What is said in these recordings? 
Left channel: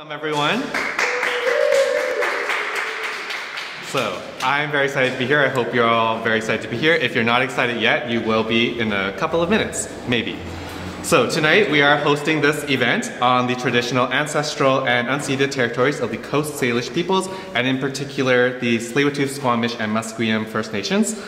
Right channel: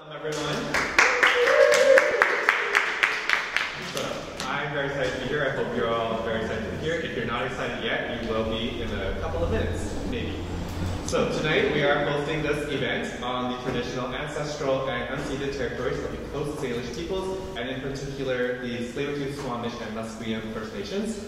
Welcome everyone. So, I'm very excited to be here. I hope you're all very excited to be here. If you're not excited yet, you will be in a couple of minutes, maybe. So tonight we are hosting this event on the traditional ancestral and unceded territories of the Coast Salish peoples, and in particular the Tsleil-Waututh, Squamish, and Musqueam First Nations.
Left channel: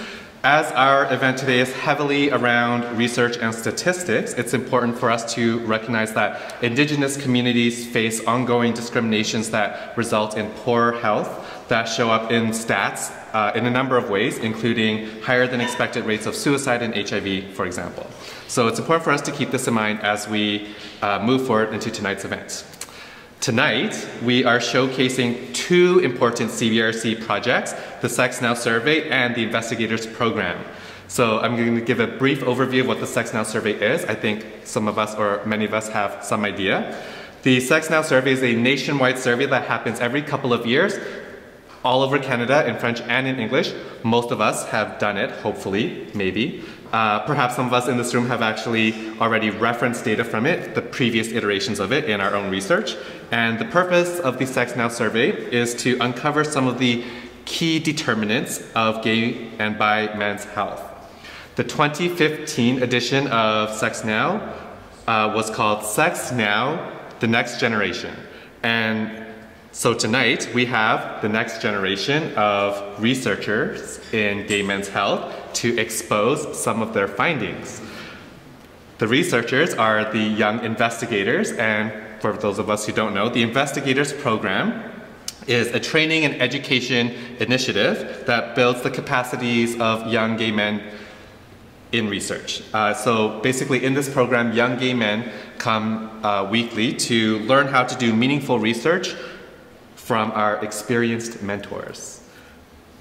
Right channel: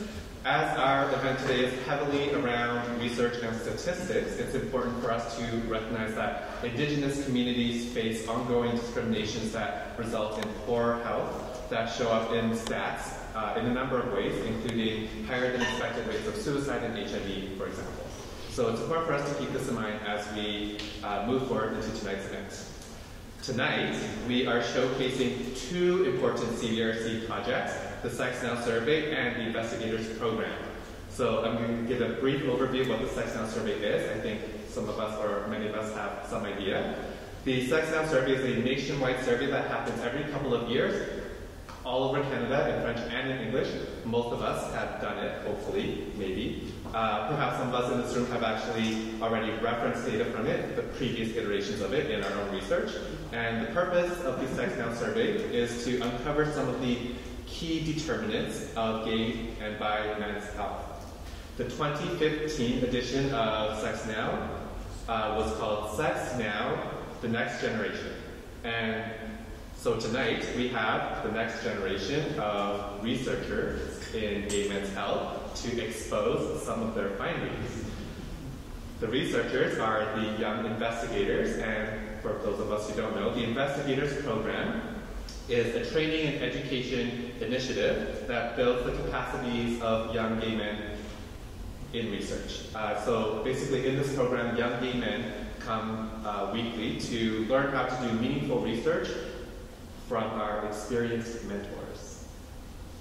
As our event today is heavily around research and statistics, it's important for us to recognize that Indigenous communities face ongoing discriminations that result in poor health, that show up in stats in a number of ways, including higher than expected rates of suicide and HIV, for example. So it's important for us to keep this in mind as we move forward into tonight's event. Tonight, we are showcasing two important CBRC projects, the Sex Now Survey and the Investigators Program. So I'm going to give a brief overview of what the Sex Now Survey is. I think some of us, or many of us, have some idea. The Sex Now Survey is a nationwide survey that happens every couple of years, all over Canada in French and in English. Most of us have done it, hopefully, maybe. Perhaps some of us in this room have actually already referenced data from it, the previous iterations of it in our own research. And the purpose of the Sex Now survey is to uncover some of the key determinants of gay and bi men's health. The 2015 edition of Sex Now was called Sex Now, the Next Generation. And so tonight we have the next generation of researchers in gay men's health to expose some of their findings. The researchers are the young investigators, and for those of us who don't know, the Investigators Program is a training and education initiative that builds the capacities of young gay men in research. So basically in this program, young gay men come weekly to learn how to do meaningful research from our experienced mentors.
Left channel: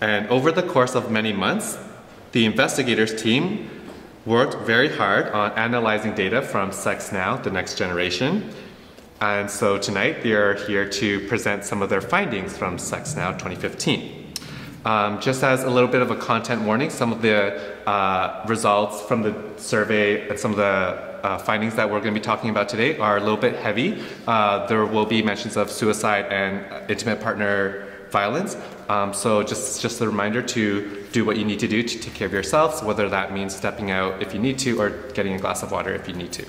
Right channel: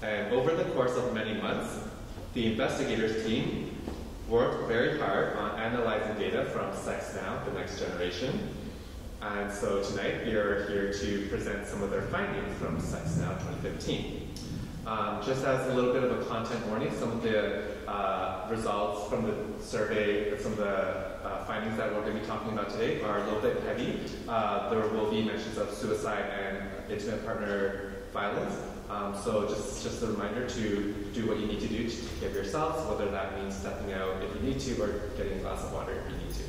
And over the course of many months, the investigators team worked very hard on analyzing data from Sex Now, the next generation. And so tonight they are here to present some of their findings from Sex Now 2015. Just as a little bit of a content warning, some of the results from the survey and some of the findings that we're going to be talking about today are a little bit heavy. There will be mentions of suicide and intimate partner violence. So just a reminder to do what you need to do to take care of yourselves, whether that means stepping out if you need to or getting a glass of water if you need to.